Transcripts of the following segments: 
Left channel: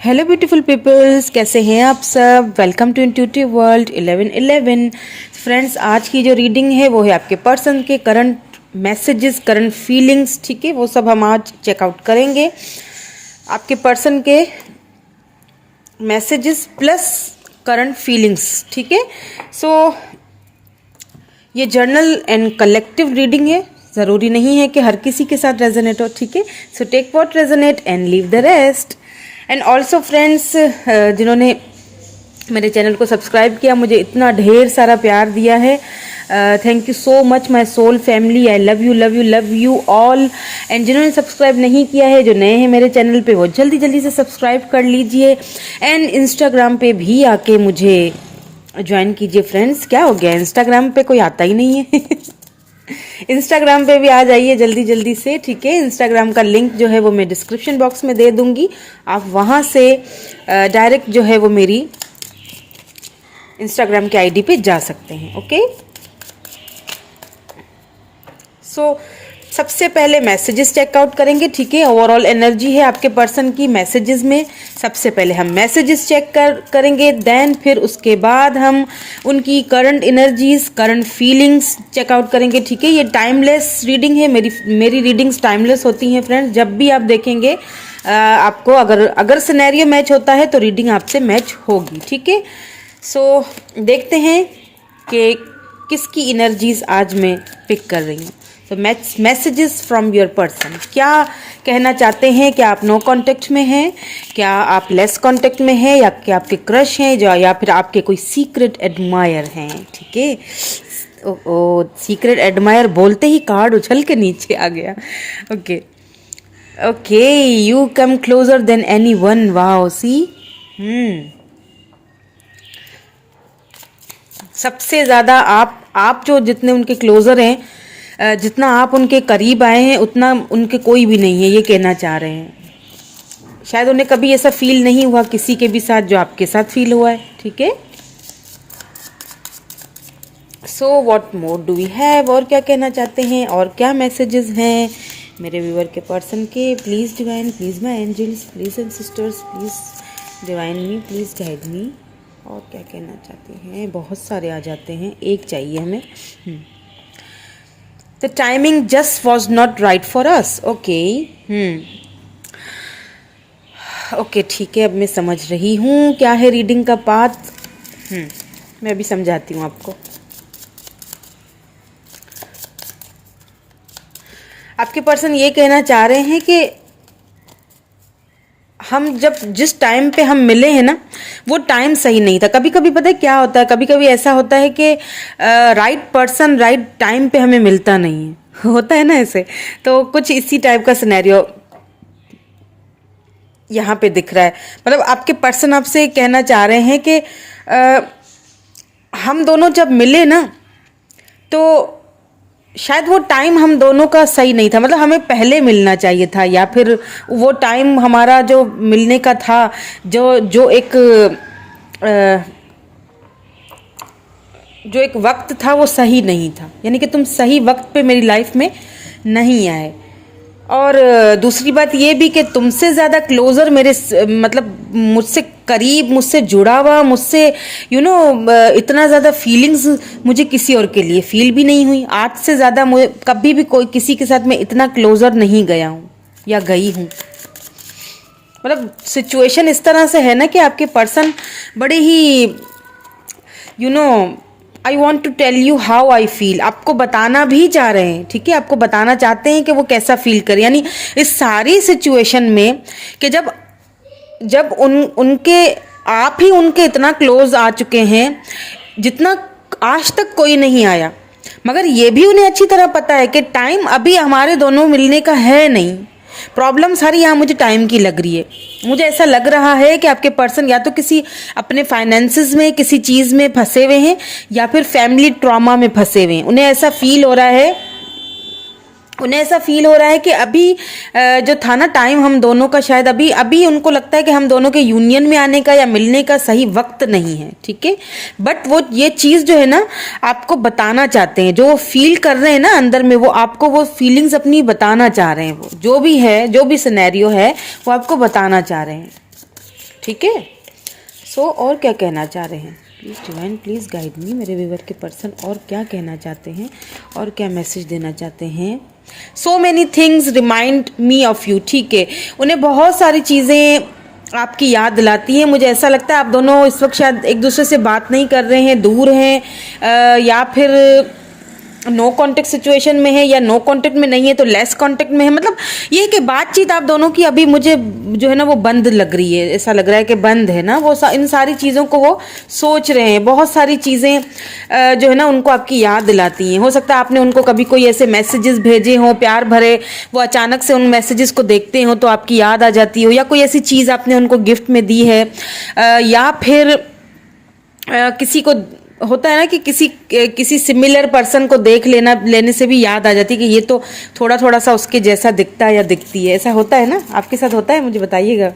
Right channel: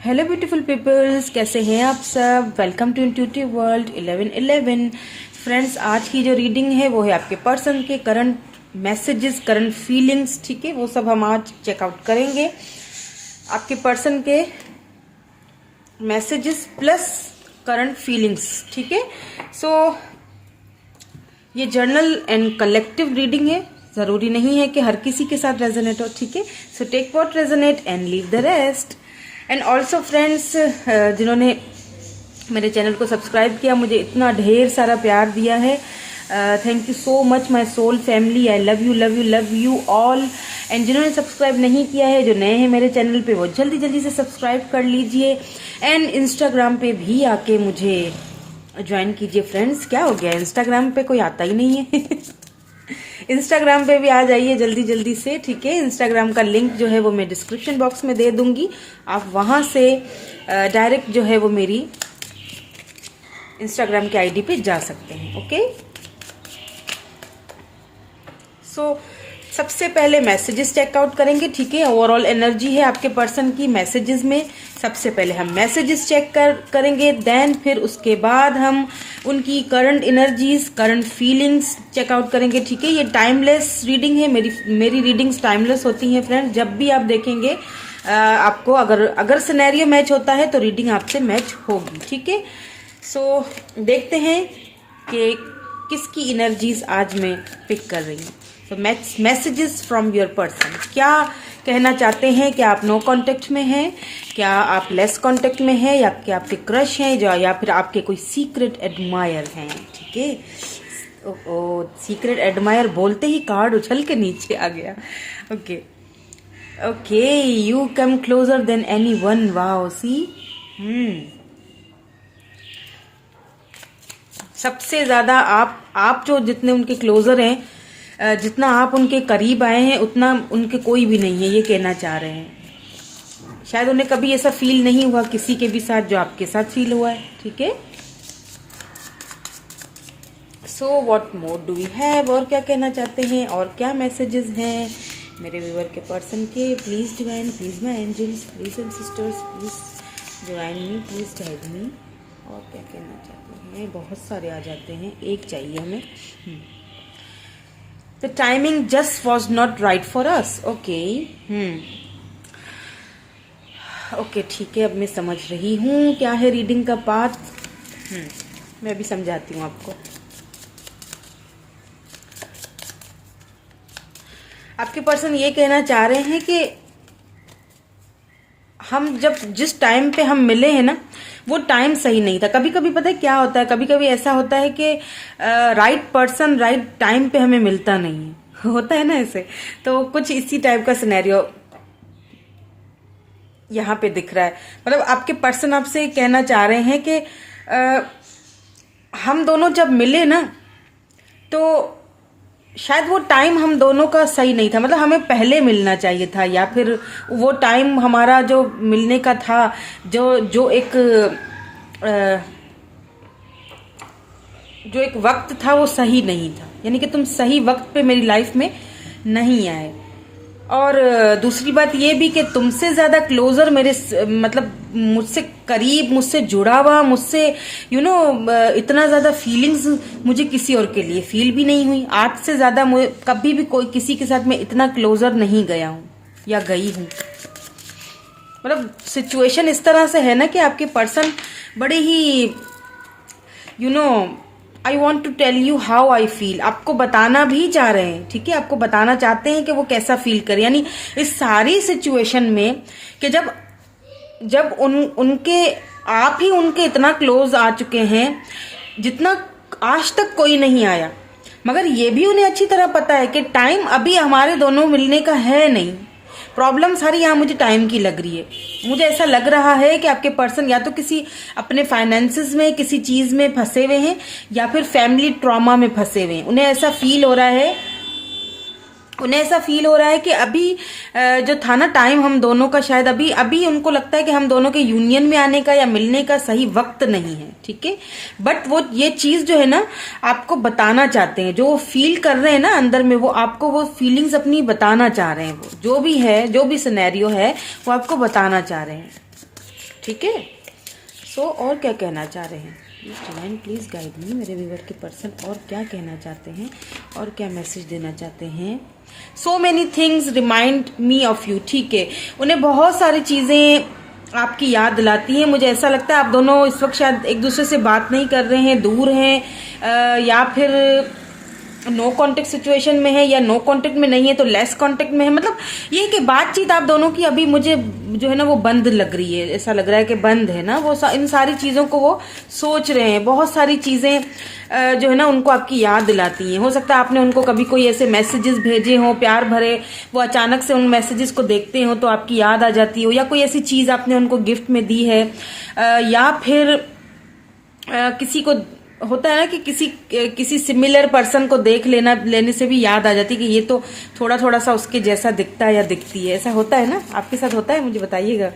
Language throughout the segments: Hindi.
हेलो ब्यूटीफुल पीपल्स, कैसे हैं आप सब। Welcome to intuitive world 1111। Friends, आज की जो रीडिंग है वो है आपके पर्सन के करंट मैसेजेस, करंट फीलिंग्स। ठीक है, वो सब हम आज चेकआउट करेंगे। आपके पर्सन के मैसेजेस प्लस करंट फीलिंग्स। ठीक है, सो ये जर्नल एंड कलेक्टिव रीडिंग है। ज़रूरी नहीं है कि हर किसी के साथ रेजोनेट हो। ठीक है, so take what resonate and leave the rest. And also friends, जिन्होंने मेरे चैनल को सब्सक्राइब किया, मुझे इतना ढेर सारा प्यार दिया है, thank you so much my soul family. I love you love you love you all. And जिन्होंने सब्सक्राइब नहीं किया है, जो नए हैं मेरे चैनल पे, वो जल्दी जल्दी से सब्सक्राइब कर लीजिए। एंड इंस्टाग्राम पे भी आके मुझे ज्वाइन कीजिए। फ्रेंड्स, क्या हो गया, इंस्टाग्राम पे कोई आता ही नहीं है इंस्टाग्राम पे भी आ जाइए जल्दी जल्दी से। ठीक है, इंस्टाग्राम का लिंक जो है वो मैं डिस्क्रिप्शन बॉक्स में दे दूंगी। आप वहां से डायरेक्ट जो है वो मेरी इंस्टाग्राम के आईडी पे जा सकते हैं। ओके, सो सबसे पहले मैसेजेस चेकआउट करेंगे। ठीक है, ओवरऑल एनर्जी है आपके पर्सन की मैसेजेस में। सबसे पहले हम मैसेजेस चेक करेंगे, देन फिर उसके बाद हम उनकी current energies, current feelings check out करेंगे। ठीक है, ये टाइमलेस रीडिंग है। मेरी रीडिंग्स टाइमलेस होती हैं फ्रेंड्स। जब भी आप देखेंगे आपको अगर सिनेरियो मैच होता है तो रीडिंग आपसे मैच होगी। ठीक है, सो देखते हैं कि किसकी एनर्जीज आज मैं पिक कर रही हूँ। तो मैसेजेस फ्रॉम योर पर्सन, क्या कहना चाहते हैं। क्या आप नो कांटेक्ट में हैं, क्या आप लेस कांटेक्ट में हैं, या क्या आपके क्रश हैं, जो या फिर आपके कोई सीक्रेट एडमायर हैं। ठीक है, ओ सीक्रेट एडमायर बोलते ही कार्ड उछल के नीचे आ गया। Okay okay, you come closer than anyone. Wow, see सबसे ज्यादा आप जो जितने उनके क्लोजर हैं, जितना आप उनके करीब आए हैं, उतना उनके कोई भी नहीं है, ये कहना चाह रहे हैं। शायद उन्हें कभी ऐसा फील नहीं हुआ किसी के भी साथ जो आपके साथ फील हुआ है। ठीक है, so what more do we have, और क्या कहना चाहते हैं, और क्या मैसेजेस हैं मेरे व्यूअर के पर्सन के। Please divine, please my angels, please and sisters, please divine me, please guide me. और क्या कहना चाहते हैं, बहुत सारे आ जाते हैं, एक चाहिए हमें। The timing just was not right for us. Okay. Okay, ठीक है, अब मैं समझ रही हूँ क्या है रीडिंग का पाथ। मैं अभी समझाती हूँ आपको। आपके पर्सन ये कहना चाह रहे हैं कि हम जिस टाइम पे हम मिले हैं ना, वो टाइम सही नहीं था। कभी कभी पता है क्या होता है, कभी कभी ऐसा होता है कि राइट पर्सन राइट टाइम पे हमें मिलता नहीं है, होता है ना ऐसे। तो कुछ इसी टाइप का सिनेरियो यहाँ पे दिख रहा है। मतलब आपके पर्सन आपसे कहना चाह रहे हैं कि हम दोनों जब मिले ना, तो शायद वो टाइम हम दोनों का सही नहीं था। मतलब हमें पहले मिलना चाहिए था, या फिर वो टाइम हमारा जो मिलने का था, जो एक वक्त था, वो सही नहीं था। यानी कि तुम सही वक्त पे मेरी लाइफ में नहीं आए। और दूसरी बात ये भी कि तुमसे ज्यादा क्लोजर मेरे मतलब मुझसे करीब, मुझसे जुड़ा हुआ, मुझसे इतना ज्यादा फीलिंग्स मुझे किसी और के लिए फील भी नहीं हुई। आज से ज्यादा मुझे कभी भी कोई किसी के साथ मैं इतना क्लोजर नहीं गया हूँ या गई हूँ। मतलब सिचुएशन इस तरह से है ना कि आपके पर्सन बड़े ही I want to tell you how I feel, आपको बताना भी चाह रहे हैं। ठीक है, आपको बताना चाहते हैं कि वो कैसा फील करे। यानी इस सारी सिचुएशन में कि जब उनके आप ही उनके इतना क्लोज आ चुके हैं जितना आज तक कोई नहीं आया, मगर ये भी उन्हें अच्छी तरह पता है कि टाइम अभी हमारे दोनों मिलने का है नहीं। प्रॉब्लम सारी यहाँ मुझे टाइम की लग रही है। मुझे ऐसा लग रहा है कि आपके पर्सन या तो किसी अपने फाइनेंसेस में किसी चीज में फंसे हुए हैं, या फिर फैमिली ट्रॉमा में फंसे हुए हैं। उन्हें ऐसा फील हो रहा है कि अभी जो था ना टाइम हम दोनों का, शायद अभी उनको लगता है कि हम दोनों के यूनियन में आने का या मिलने का सही वक्त नहीं है। ठीक है, बट वो ये चीज जो है ना आपको बताना चाहते हैं, जो वो फील कर रहे हैं ना अंदर में, वो आपको वो फीलिंग्स अपनी बताना चाह रहे हैं। वो जो भी है, जो भी सिनेरियो है, वो आपको बताना चाह रहे हैं। ठीक है। सो और क्या कहना चाह रहे हैं, please divine please guide me, मेरे व्यूअर के पर्सन और क्या कहना चाहते हैं और क्या मैसेज देना चाहते हैं। So many things remind me of you, ठीक है, उन्हें बहुत सारी चीज़ें आपकी याद दिलाती हैं। मुझे ऐसा लगता है आप दोनों इस वक्त शायद एक दूसरे से बात नहीं कर रहे हैं, दूर हैं, या फिर नो कांटेक्ट सिचुएशन में है, या नो कांटेक्ट में नहीं है तो लेस कांटेक्ट में है। मतलब ये कि बातचीत आप दोनों की अभी मुझे जो है ना वो बंद लग रही है, ऐसा लग रहा है कि बंद है ना वो, इन सारी चीज़ों को वो सोच रहे हैं। बहुत सारी चीज़ें जो है ना उनको आपकी याद दिलाती हैं। हो सकता है आपने उनको कभी कोई ऐसे मैसेजेस भेजे हों प्यार भरे, वो अचानक से उन मैसेजेस को देखते हो तो आपकी याद आ जाती हो, या कोई ऐसी चीज़ आपने उनको गिफ्ट में दी है, या फिर किसी को होता है ना कि किसी सिमिलर पर्सन को देख लेने से भी याद आ जाती है कि ये तो थोड़ा थोड़ा सा उसके जैसा दिखता है या दिखती है। ऐसा होता है ना, आपके साथ होता है, मुझे बताइएगा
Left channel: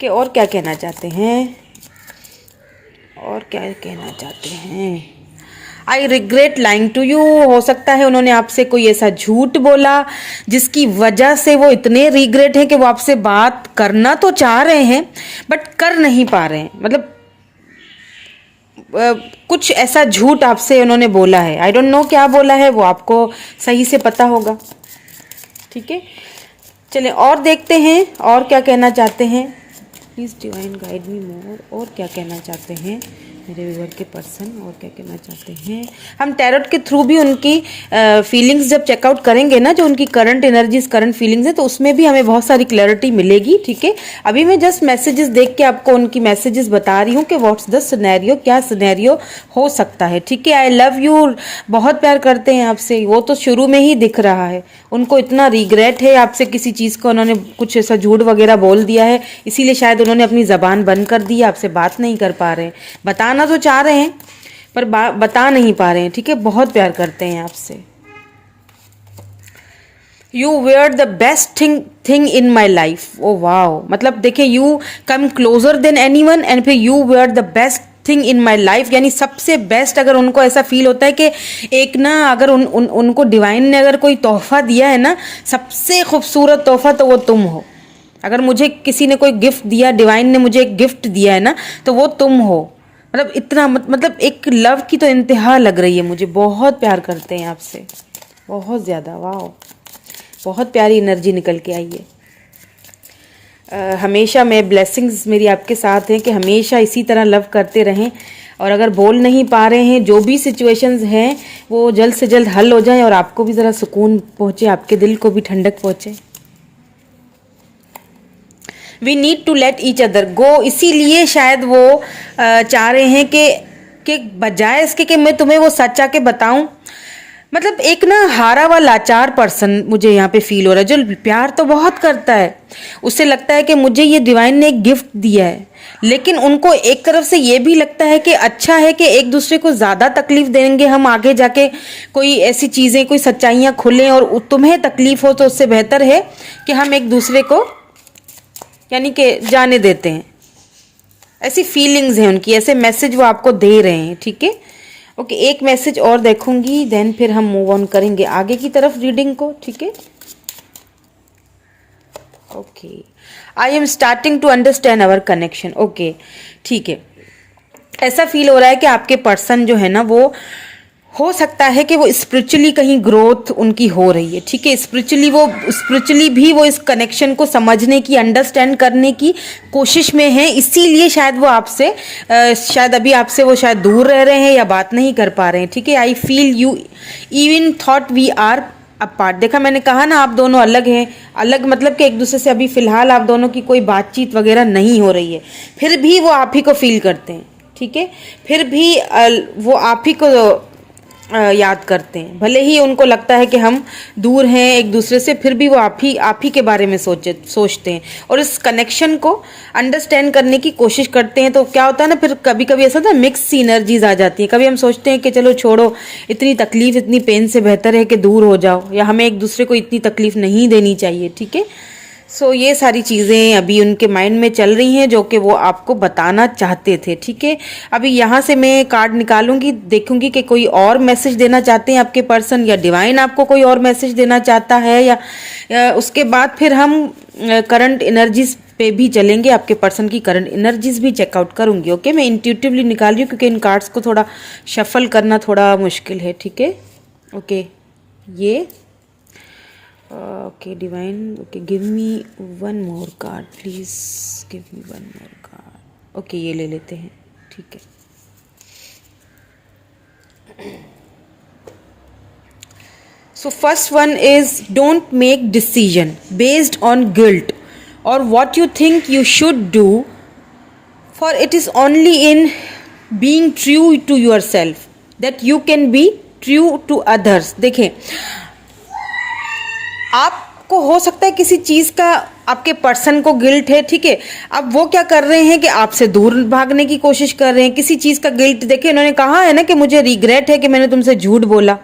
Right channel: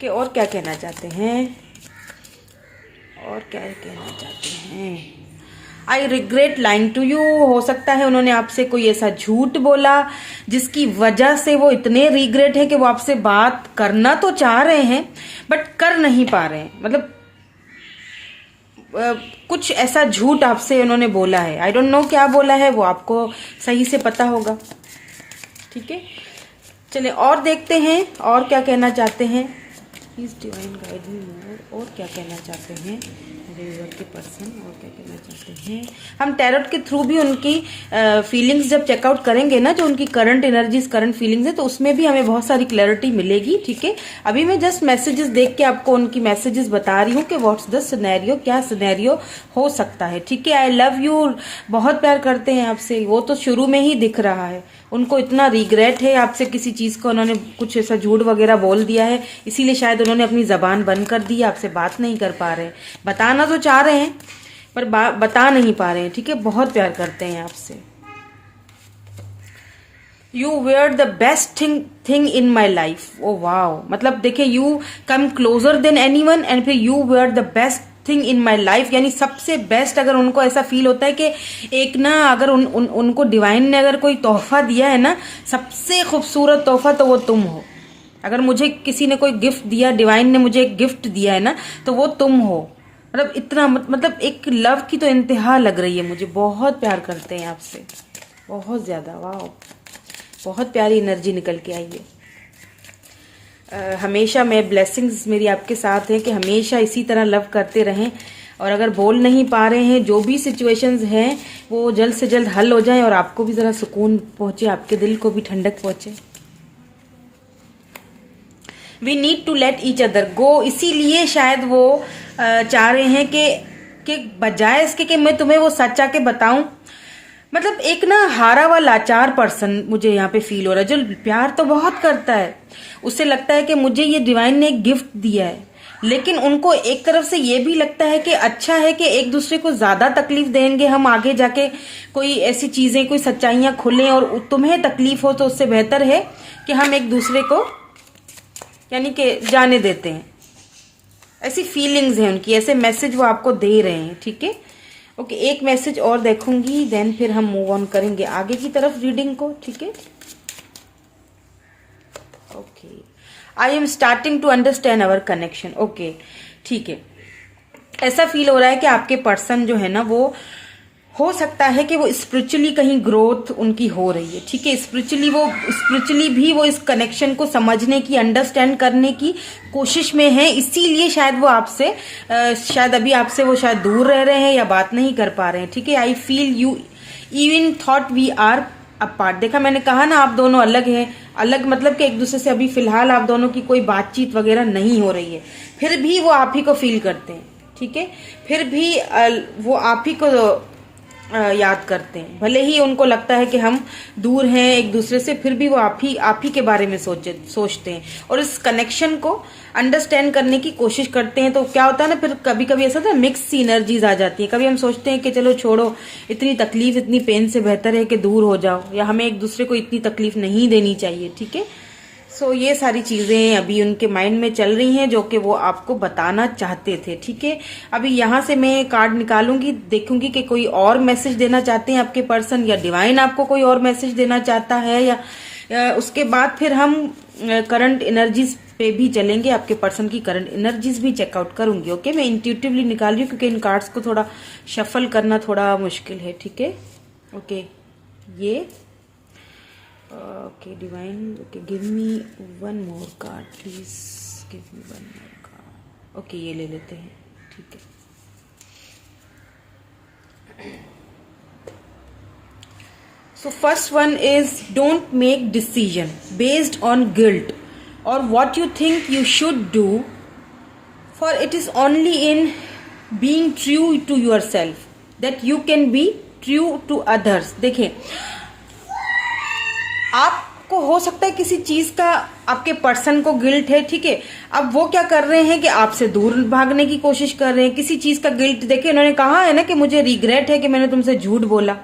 कि और क्या कहना चाहते हैं, और क्या कहना चाहते हैं। I regret lying to you, हो सकता है उन्होंने आपसे कोई ऐसा झूठ बोला जिसकी वजह से वो इतने रिग्रेट हैं कि वो आपसे बात करना तो चाह रहे हैं बट कर नहीं पा रहे हैं। मतलब कुछ ऐसा झूठ आपसे उन्होंने बोला है, आई डोंट नो क्या बोला है, वो आपको सही से पता होगा। ठीक है, चलिए और देखते हैं और क्या कहना चाहते हैं। प्लीज़ डिवाइन गाइड मी मोर, और क्या कहना चाहते हैं मेरे व्यूअर के पर्सन, और क्या कहना चाहते हैं। हम टैरोट के थ्रू भी उनकी फीलिंग्स जब चेकआउट करेंगे ना, जो उनकी करंट एनर्जीज करंट फीलिंग्स है, तो उसमें भी हमें बहुत सारी क्लैरिटी मिलेगी। ठीक है, अभी मैं जस्ट मैसेजेस देख के आपको उनकी मैसेजेस बता रही हूँ कि व्हाट्स द सिनेरियो, क्या सिनेरियो हो सकता है। ठीक है, आई लव यू, बहुत प्यार करते हैं आपसे, वो तो शुरू में ही दिख रहा है। उनको इतना रिग्रेट है आपसे, किसी चीज़ को उन्होंने कुछ ऐसा झूठ वगैरह बोल दिया है, इसीलिए शायद उन्होंने अपनी ज़बान बंद कर दी, आपसे बात नहीं कर पा रहे हैं। बताना तो चाह रहे हैं पर बता नहीं पा रहे हैं। ठीक है, बहुत प्यार करते हैं आपसे। You were the best thing in my life, oh wow, मतलब देखिए you come closer than anyone, and फिर you were the best thing in my life, यानी सबसे बेस्ट। अगर उनको ऐसा फील होता है कि एक ना, अगर उनको डिवाइन ने अगर कोई तोहफा दिया है ना, सबसे खूबसूरत तोहफा, तो वो तुम हो। अगर मुझे किसी ने कोई गिफ्ट दिया, डिवाइन ने मुझे एक गिफ्ट दिया है ना, तो वो तुम हो। मतलब इतना मतलब एक लव की तो इंतहा लग रही है मुझे, बहुत प्यार करते हैं आपसे, बहुत ज़्यादा। वाह, बहुत प्यारी एनर्जी निकल के आई है। हमेशा मैं ब्लेसिंग्स मेरी आपके साथ हैं कि हमेशा इसी तरह लव करते रहें, और अगर बोल नहीं पा रहे हैं, जो भी सिचुएशंस हैं वो जल्द से जल्द हल हो जाए और आपको भी ज़रा सुकून पहुँचे, आपके दिल को भी ठंडक पहुँचे। We need to let each other go, इसीलिए शायद वो चाह रहे हैं कि बजाय इसके कि मैं तुम्हें वो सच आके बताऊं, मतलब एक ना हारा हुआ लाचार पर्सन मुझे यहाँ पे फील हो रहा है, जो प्यार तो बहुत करता है, उससे लगता है कि मुझे ये डिवाइन ने एक गिफ्ट दिया है, लेकिन उनको एक तरफ से ये भी लगता है कि अच्छा है कि एक दूसरे को ज़्यादा तकलीफ देंगे हम आगे जाके, कोई ऐसी चीज़ें, कोई सच्चाइयाँ खुलें और तुम्हें तकलीफ हो, तो उससे बेहतर है कि हम एक दूसरे को यानी कि जाने देते हैं। ऐसी फीलिंग्स हैं उनकी, ऐसे मैसेज वो आपको दे रहे हैं। ठीक है, ओके, एक मैसेज और देखूंगी, देन फिर हम मूव ऑन करेंगे आगे की तरफ रीडिंग को। ठीक है, okay, I am starting to understand our connection. Okay, ठीक है, ऐसा फील हो रहा है कि आपके पर्सन जो है ना, वो हो सकता है कि वो स्पिरिचुअली कहीं ग्रोथ उनकी हो रही है। ठीक है, स्पिरिचुअली भी वो इस कनेक्शन को समझने की, अंडरस्टैंड करने की कोशिश में है, इसीलिए शायद वो आपसे शायद अभी आपसे वो शायद दूर रह रहे हैं या बात नहीं कर पा रहे हैं। ठीक है, I feel you even thought we are apart. देखा, मैंने कहा ना आप दोनों अलग हैं, अलग मतलब कि एक दूसरे से अभी फिलहाल आप दोनों की कोई बातचीत वगैरह नहीं हो रही है, फिर भी वो आप ही को फील करते हैं। ठीक है, फिर भी वो आप ही को याद करते हैं, भले ही उनको लगता है कि हम दूर हैं एक दूसरे से, फिर भी वो आप ही के बारे में सोचते हैं और इस कनेक्शन को अंडरस्टैंड करने की कोशिश करते हैं। तो क्या होता है ना, फिर कभी कभी ऐसा होता है मिक्स सी एनर्जीज आ जाती है। कभी हम सोचते हैं कि चलो छोड़ो, इतनी तकलीफ इतनी पेन से बेहतर है कि दूर हो जाओ, या हमें एक दूसरे को इतनी तकलीफ नहीं देनी चाहिए। ठीक है, सो ये सारी चीज़ें अभी उनके माइंड में चल रही हैं जो कि वो आपको बताना चाहते थे। ठीक है, अभी यहाँ से मैं कार्ड निकालूंगी, देखूंगी कि कोई और मैसेज देना चाहते हैं आपके पर्सन, या डिवाइन आपको कोई और मैसेज देना चाहता है, या उसके बाद फिर हम करंट एनर्जीज पे भी चलेंगे, आपके पर्सन की करंट एनर्जीज भी चेकआउट करूंगी। ओके, मैं इंट्यूटिवली निकाल रही हूँ क्योंकि इन कार्ड्स को थोड़ा शफल करना थोड़ा मुश्किल है। ठीक है, ओके, ये okay divine, okay give me one more card please, give me one more card. Okay, ये ले लेते हैं। ठीक है, so first one is don't make decision based on guilt or what you think you should do, for it is only in being true to yourself that you can be true to others। देखें, आपको हो सकता है किसी चीज का आपके पर्सन को गिल्ट है, ठीक है, अब वो क्या कर रहे हैं कि आपसे दूर भागने की कोशिश कर रहे हैं, किसी चीज का गिल्ट। देखिए, उन्होंने कहा है ना कि मुझे रिग्रेट है कि मैंने तुमसे झूठ बोला,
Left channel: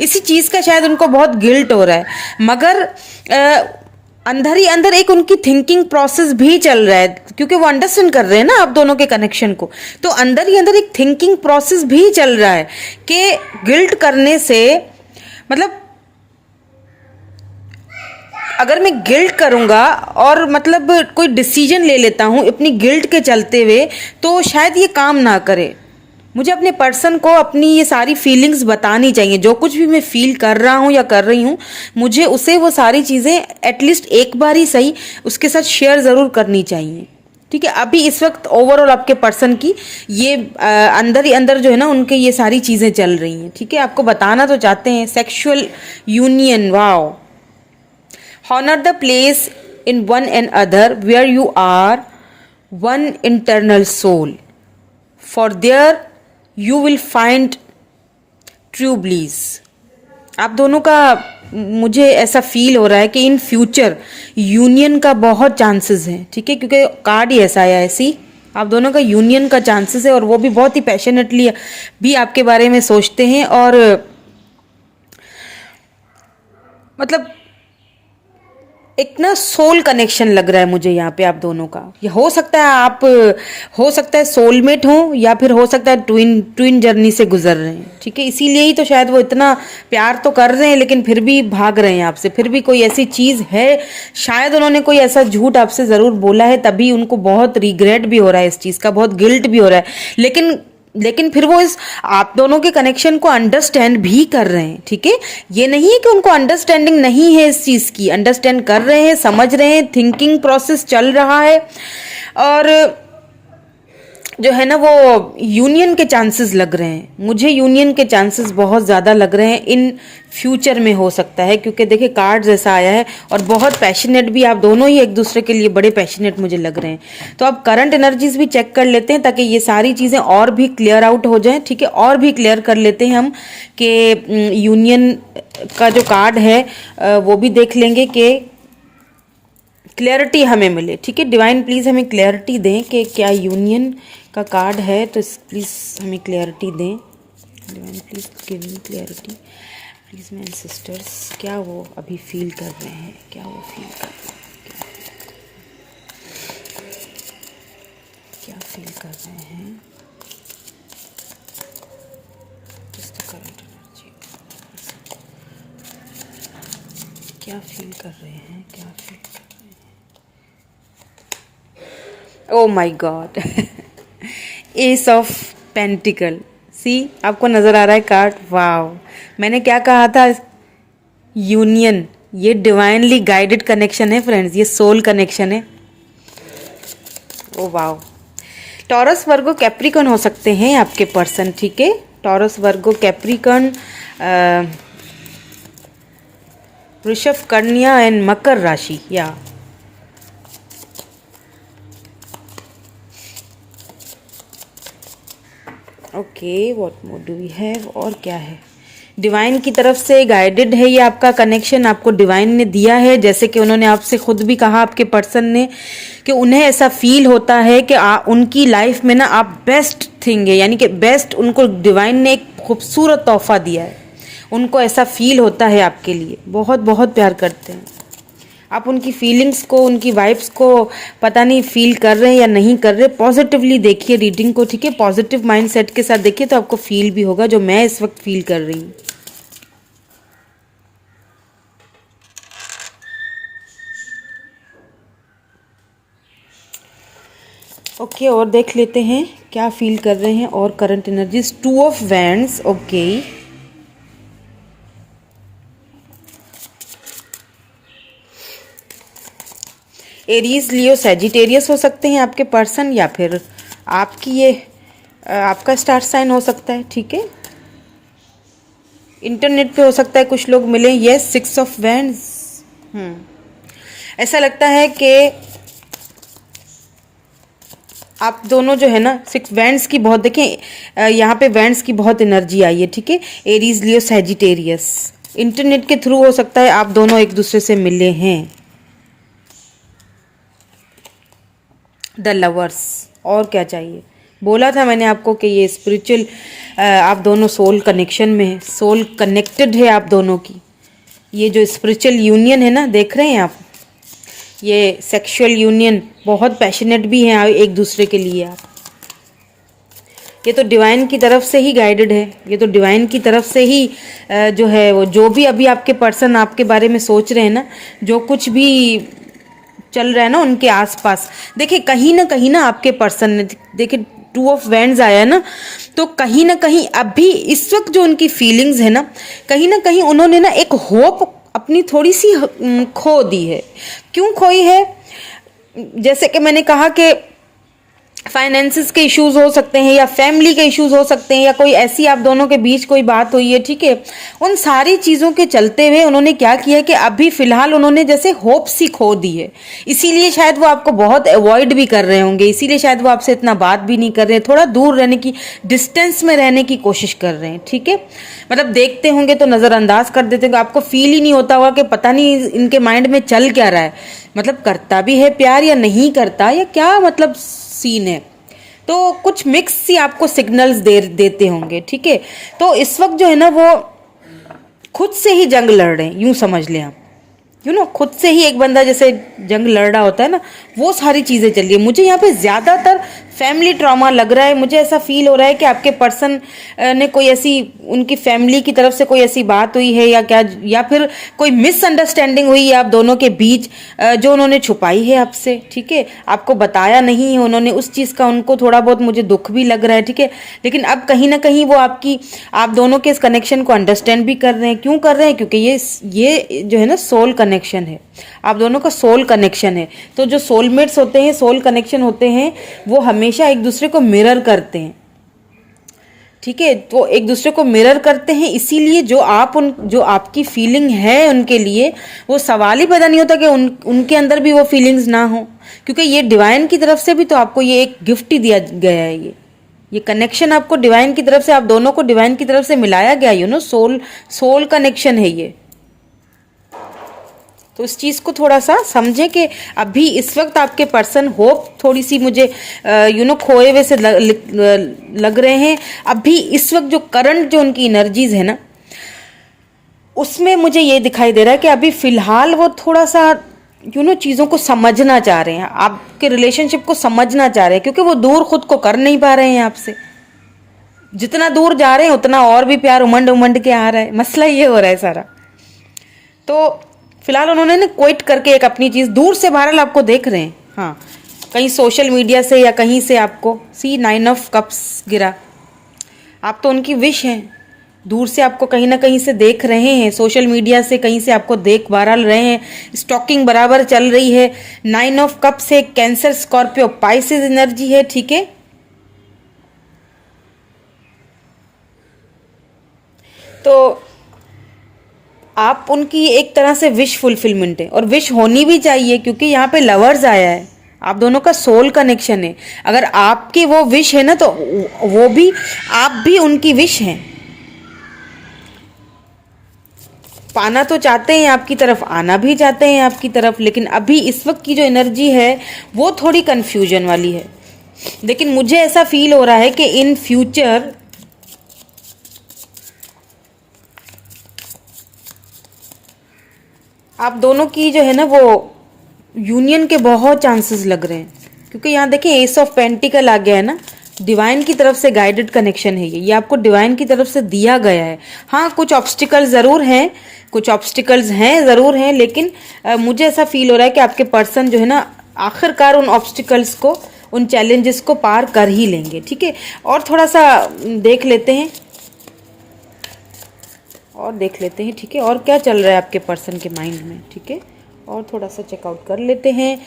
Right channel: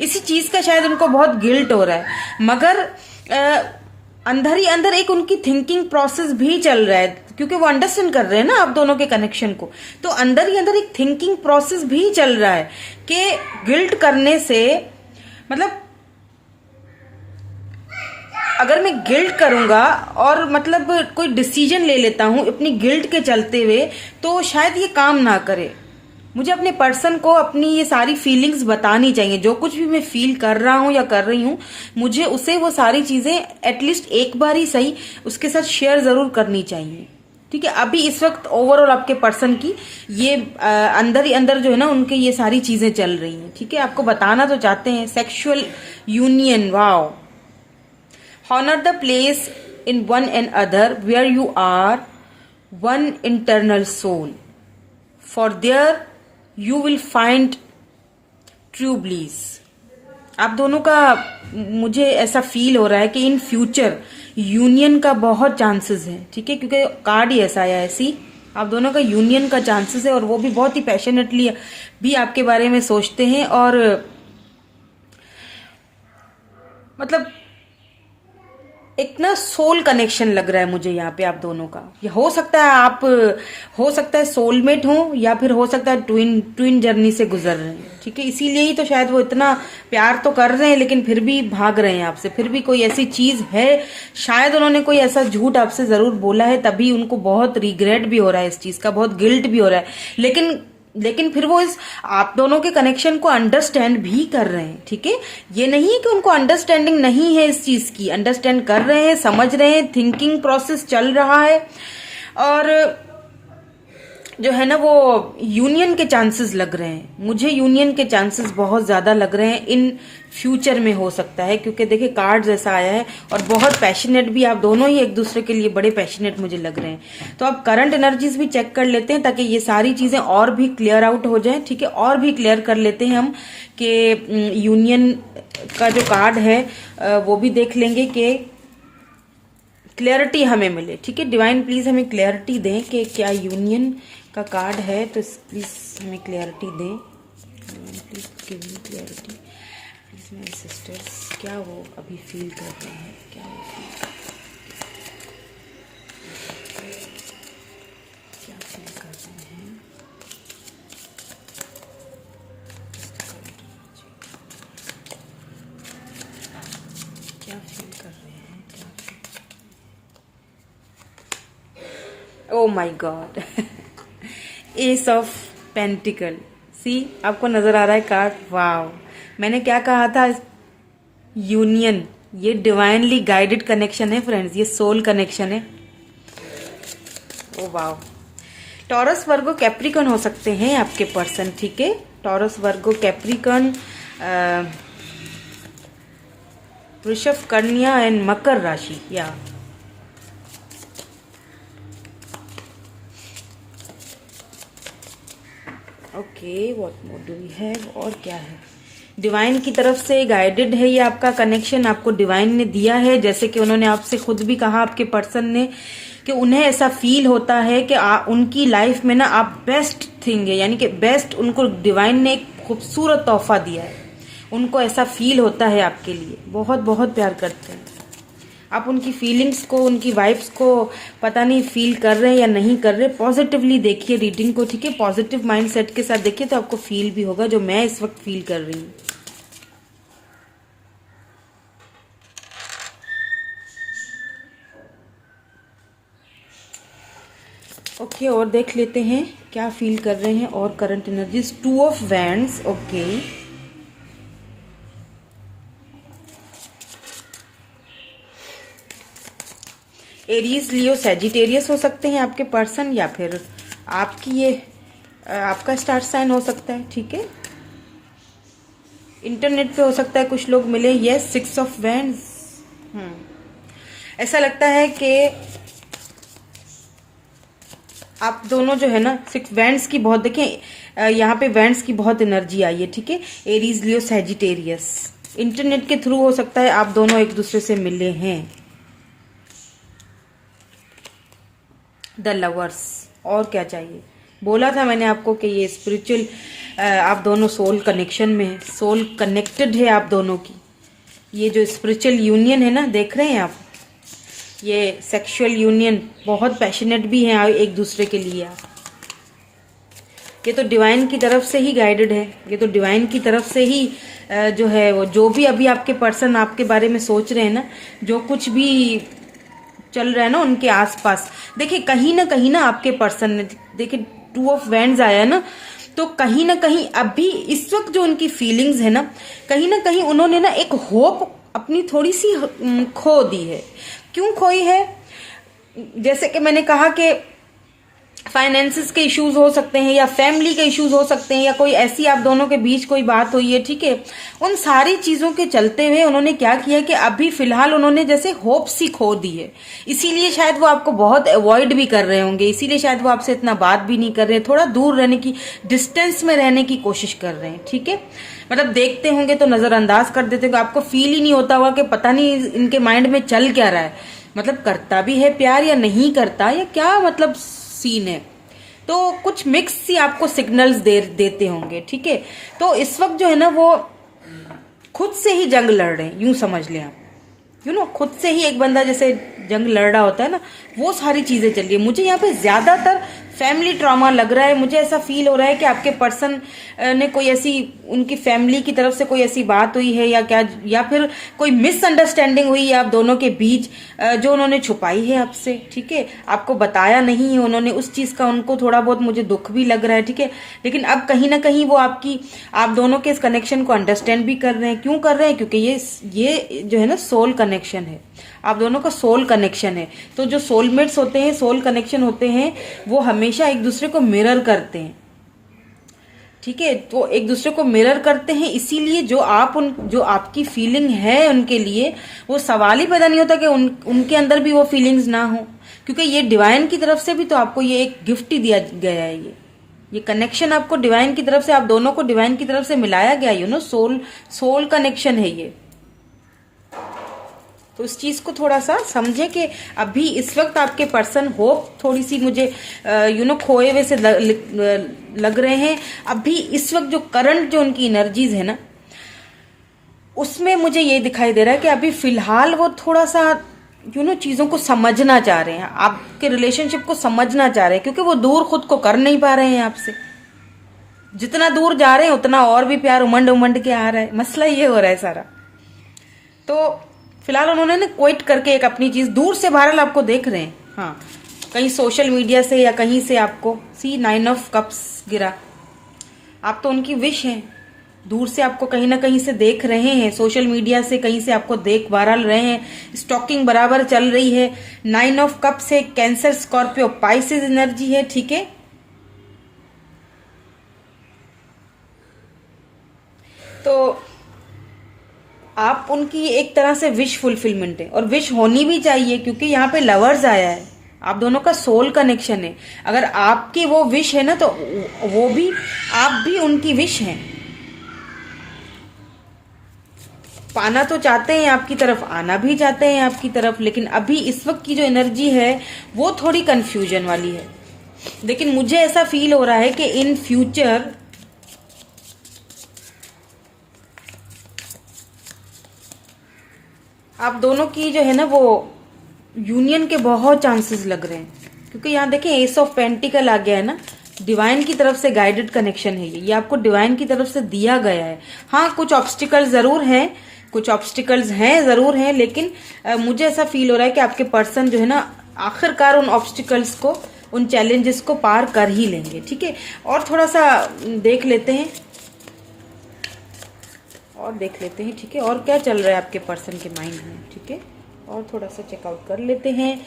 इसी चीज का शायद उनको बहुत गिल्ट हो रहा है, मगर अंदर ही अंदर एक उनकी थिंकिंग प्रोसेस भी चल रहा है, क्योंकि वो अंडरस्टैंड कर रहे हैं ना आप दोनों के कनेक्शन को, तो अंदर ही अंदर एक थिंकिंग प्रोसेस भी चल रहा है कि गिल्ट करने से, मतलब अगर मैं गिल्ट करूंगा और मतलब कोई डिसीजन ले लेता हूं अपनी गिल्ट के चलते हुए, तो शायद ये काम ना करे। मुझे अपने पर्सन को अपनी ये सारी फीलिंग्स बतानी चाहिए, जो कुछ भी मैं फील कर रहा हूं या कर रही हूं, मुझे उसे वो सारी चीजें एटलीस्ट एक बार ही सही उसके साथ शेयर जरूर करनी चाहिए। ठीक है, अभी इस वक्त ओवरऑल आपके पर्सन की ये अंदर ही अंदर जो है ना उनके ये सारी चीजें चल रही हैं। ठीक है, आपको बताना तो चाहते हैं sexual union, wow, honor the place in one and other where you are one internal soul, for there you will find true bliss। आप दोनों का मुझे ऐसा फील हो रहा है कि इन फ्यूचर यूनियन का बहुत चांसेस है। ठीक है, क्योंकि कार्ड ही ऐसा आया है, ऐसी आप दोनों का यूनियन का चांसेस है, और वो भी बहुत ही पैशनेटली भी आपके बारे में सोचते हैं, और मतलब एक ना सोल कनेक्शन लग रहा है मुझे यहाँ पे आप दोनों का। ये हो सकता है आप, हो सकता है सोलमेट हो, या फिर हो सकता है ट्विन जर्नी से गुजर रहे हैं। ठीक है, इसीलिए ही तो शायद वो इतना प्यार तो कर रहे हैं लेकिन फिर भी भाग रहे हैं आपसे, फिर भी कोई ऐसी चीज है, शायद उन्होंने कोई ऐसा झूठ आपसे जरूर बोला है, तभी उनको बहुत रिग्रेट भी हो रहा है इस चीज का, बहुत गिल्ट भी हो रहा है, लेकिन फिर वो इस आप दोनों के कनेक्शन को अंडरस्टैंड भी कर रहे हैं। ठीक है, ये नहीं है कि उनको अंडरस्टैंडिंग नहीं है इस चीज की, अंडरस्टैंड कर रहे हैं, समझ रहे हैं, थिंकिंग प्रोसेस चल रहा है, और जो है ना वो यूनियन के चांसेस लग रहे हैं, मुझे यूनियन के चांसेस बहुत ज्यादा लग रहे हैं, इन फ्यूचर में हो सकता है, क्योंकि देखिए कार्ड जैसा आया है, और बहुत पैशनेट भी आप दोनों ही एक दूसरे के लिए बड़े पैशनेट मुझे लग रहे हैं। तो अब करंट एनर्जीज भी चेक कर लेते हैं ताकि ये सारी चीजें और भी क्लियर आउट हो जाए। ठीक है, और भी क्लियर कर लेते हैं हम कि यूनियन का जो कार्ड है वो भी देख लेंगे कि क्लैरिटी हमें मिले। ठीक है, डिवाइन प्लीज हमें क्लैरिटी दें कि क्या यूनियन का कार्ड है, तो प्लीज हमें क्लैरिटी दें। Divine please give me clarity please my sister's, क्या वो अभी फील कर रहे हैं, क्या वो फील कर रहे हैं, क्या फील कर रहे हैं, क्या फील कर रहे हैं, क्या फील कर रहे हैं। Oh my god, ace of pentacles, see आपको नजर आ रहा है कार्ड, वाओ, मैंने क्या कहा था, यूनियन, ये डिवाइनली गाइडेड कनेक्शन है फ्रेंड्स, ये सोल कनेक्शन है। Oh wow, Taurus Virgo Capricorn हो सकते हैं आपके पर्सन। ठीक है, टॉरस वर्गो कैप्रिकॉन, वृषभ, कन्या एंड मकर राशि, या okay, what more do we have, और क्या है, डिवाइन की तरफ से गाइडेड है ये आपका कनेक्शन, आपको डिवाइन ने दिया है, जैसे कि उन्होंने आपसे खुद भी कहा आपके पर्सन ने कि उन्हें ऐसा फील होता है कि उनकी लाइफ में ना आप बेस्ट थिंग है, यानी कि बेस्ट, उनको डिवाइन ने एक खूबसूरत तोहफा दिया है, उनको ऐसा फील होता है आपके लिए, बहुत बहुत प्यार करते हैं आप, उनकी फीलिंग्स को, उनकी वाइब्स को पता नहीं फील कर रहे हैं या नहीं कर रहे। पॉजिटिवली देखिए रीडिंग को। ठीक है, पॉजिटिव माइंडसेट के साथ देखिए तो आपको फील भी होगा जो मैं इस वक्त फील कर रही हूँ। ओके, और देख लेते हैं क्या फील कर रहे हैं और current energies. 2 of wands. Okay, Aries, Leo, Sagittarius हो सकते हैं आपके पर्सन, या फिर आपकी ये आपका स्टार साइन हो सकता है। ठीक है, इंटरनेट पे हो सकता है कुछ लोग मिले। Yes, 6 of wands. ऐसा लगता है कि आप दोनों जो है ना, 6 वैंड्स की बहुत, देखें यहाँ पे वैंड्स की बहुत एनर्जी आई है। ठीक है, एरीज, लियो, सैजिटेरियस, इंटरनेट के थ्रू हो सकता है आप दोनों एक दूसरे से मिले हैं। द लवर्स, और क्या चाहिए? बोला था मैंने आपको कि ये स्पिरिचुअल, आप दोनों सोल कनेक्शन में है, सोल कनेक्टेड है आप दोनों की। ये जो स्पिरिचुअल यूनियन है ना, देख रहे हैं आप, ये सेक्सुअल यूनियन बहुत पैशनेट भी है एक दूसरे के लिए आप। ये तो डिवाइन की तरफ से ही गाइडेड है, ये तो डिवाइन की तरफ से ही जो है वो, जो भी अभी आपके पर्सन आपके बारे में सोच रहे हैं ना, जो कुछ भी चल रहा है ना उनके आसपास, देखिए कहीं ना आपके पर्सन ने, देखिए 2 ऑफ वैंड्स आया है ना, तो कहीं ना कहीं अभी इस वक्त जो उनकी फीलिंग्स है ना, कहीं उन्होंने ना एक होप अपनी थोड़ी सी खो दी है। क्यों खोई है? जैसे कि मैंने कहा कि फाइनेंसिस के इश्यूज हो सकते हैं, या फैमिली के इश्यूज हो सकते हैं, या कोई ऐसी आप दोनों के बीच कोई बात हुई है। ठीक है, उन सारी चीज़ों के चलते हुए उन्होंने क्या किया कि अभी फिलहाल उन्होंने जैसे होप सी खो दी है। इसीलिए शायद वो आपको बहुत अवॉइड भी कर रहे होंगे, इसीलिए शायद वो आपसे इतना बात भी नहीं कर रहे, थोड़ा दूर रहने की, डिस्टेंस में रहने की कोशिश कर रहे हैं। ठीक है, मतलब देखते होंगे तो नज़रअंदाज कर देते होंगे, आपको फील ही नहीं होता होगा कि पता नहीं इनके माइंड में चल क्या रहा है, मतलब करता भी है प्यार या नहीं करता, या क्या मतलब सीन है। तो कुछ मिक्स सी आपको सिग्नल्स देते होंगे। ठीक है, तो इस वक्त जो है ना वो खुद से ही जंग लड़ रहे हैं, यूं समझ लें आप, खुद से ही एक बंदा जैसे जंग लड़ रहा होता है ना, वो सारी चीजें चल रही है। मुझे यहाँ पे ज्यादातर फैमिली ट्रॉमा लग रहा है, मुझे ऐसा फील हो रहा है कि आपके पर्सन ने कोई ऐसी, उनकी फैमिली की तरफ से कोई ऐसी बात हुई है या क्या, या फिर कोई मिसअंडरस्टैंडिंग हुई है आप दोनों के बीच, जो उन्होंने छुपाई है आपसे। ठीक है, आपको बताया नहीं है उन्होंने, उस चीज का उनको थोड़ा बहुत मुझे दुख भी लग रहा है। ठीक है, लेकिन अब कहीं ना कहीं वो आप दोनों के इस कनेक्शन को अंडरस्टैंड भी कर रहे हैं। क्यों कर रहे हैं? क्योंकि ये जो है ना सोल कनेक्शन है, आप दोनों का सोल कनेक्शन है। तो जो सोलमेट्स होते हैं, सोल कनेक्शन होते हैं, वो हमेशा एक दूसरे को मिरर करते हैं। ठीक है, तो एक दूसरे को मिरर करते हैं, इसीलिए जो आपकी फीलिंग है उनके लिए, वो सवाल ही पैदा नहीं होता कि उनके अंदर भी वो फीलिंग्स ना हो, क्योंकि ये डिवाइन की तरफ से भी तो आपको ये एक गिफ्ट ही दिया गया है। ये कनेक्शन आपको डिवाइन की तरफ से, आप दोनों को डिवाइन की तरफ से मिलाया गया, सोल कनेक्शन है ये। तो इस चीज को थोड़ा सा समझे कि अभी इस वक्त आपके पर्सन होप थोड़ी सी मुझे खोए हुए से लग रहे हैं। अभी इस वक्त जो करंट जो उनकी एनर्जीज है ना, उसमें मुझे ये दिखाई दे रहा है कि अभी फिलहाल वो थोड़ा सा चीजों को समझना चाह रहे हैं, आपके रिलेशनशिप को समझना चाह रहे हैं, क्योंकि वो दूर खुद को कर नहीं पा रहे हैं आपसे। जितना दूर जा रहे हैं उतना और भी प्यार उमंड के आ रहा है। मसला ये हो रहा है सारा। तो फिलहाल उन्होंने ना क्विट करके एक अपनी चीज दूर से बहरहाल आपको देख रहे हैं, हाँ, कहीं सोशल मीडिया से या कहीं से आपको 9 ऑफ कप्स गिरा। आप तो उनकी विश हैं, दूर से आपको कहीं ना कहीं से देख रहे हैं, सोशल मीडिया से कहीं से आपको देख बहरहाल रहे हैं, स्टॉकिंग बराबर चल रही है। 9 ऑफ कप्स है, कैंसर, स्कॉर्पियो, पाइसेस एनर्जी है। ठीक है, तो आप उनकी एक तरह से विश फुलफिलमेंट है, और विश होनी भी चाहिए, क्योंकि यहाँ पे लवर्स आया है, आप दोनों का सोल कनेक्शन है। अगर आपकी वो विश है ना, तो वो भी, आप भी उनकी विश हैं। पाना तो चाहते हैं आपकी तरफ, आना भी चाहते हैं आपकी तरफ, लेकिन अभी इस वक्त की जो एनर्जी है वो थोड़ी कंफ्यूजन वाली है। लेकिन मुझे ऐसा फील हो रहा है कि इन फ्यूचर आप दोनों की जो है ना वो यूनियन के बहुत चांसेस लग रहे हैं, क्योंकि यहाँ देखें एस ऑफ पेंटिकल आ गया है ना, डिवाइन की तरफ से गाइडेड कनेक्शन है ये आपको डिवाइन की तरफ से दिया गया है। हाँ, कुछ ऑब्स्टिकल्स जरूर हैं, कुछ ऑब्स्टिकल्स हैं जरूर हैं, लेकिन मुझे ऐसा फील हो रहा है कि आपके पर्सन जो है ना आखिरकार उन ऑब्स्टिकल्स को, उन चैलेंजेस को पार कर ही लेंगे। ठीक है, और थोड़ा सा देख लेते हैं ठीक है, और क्या चल रहा है आपके पर्सन के माइंड में। ठीक है, और थोड़ा सा चेकआउट कर लेते हैं।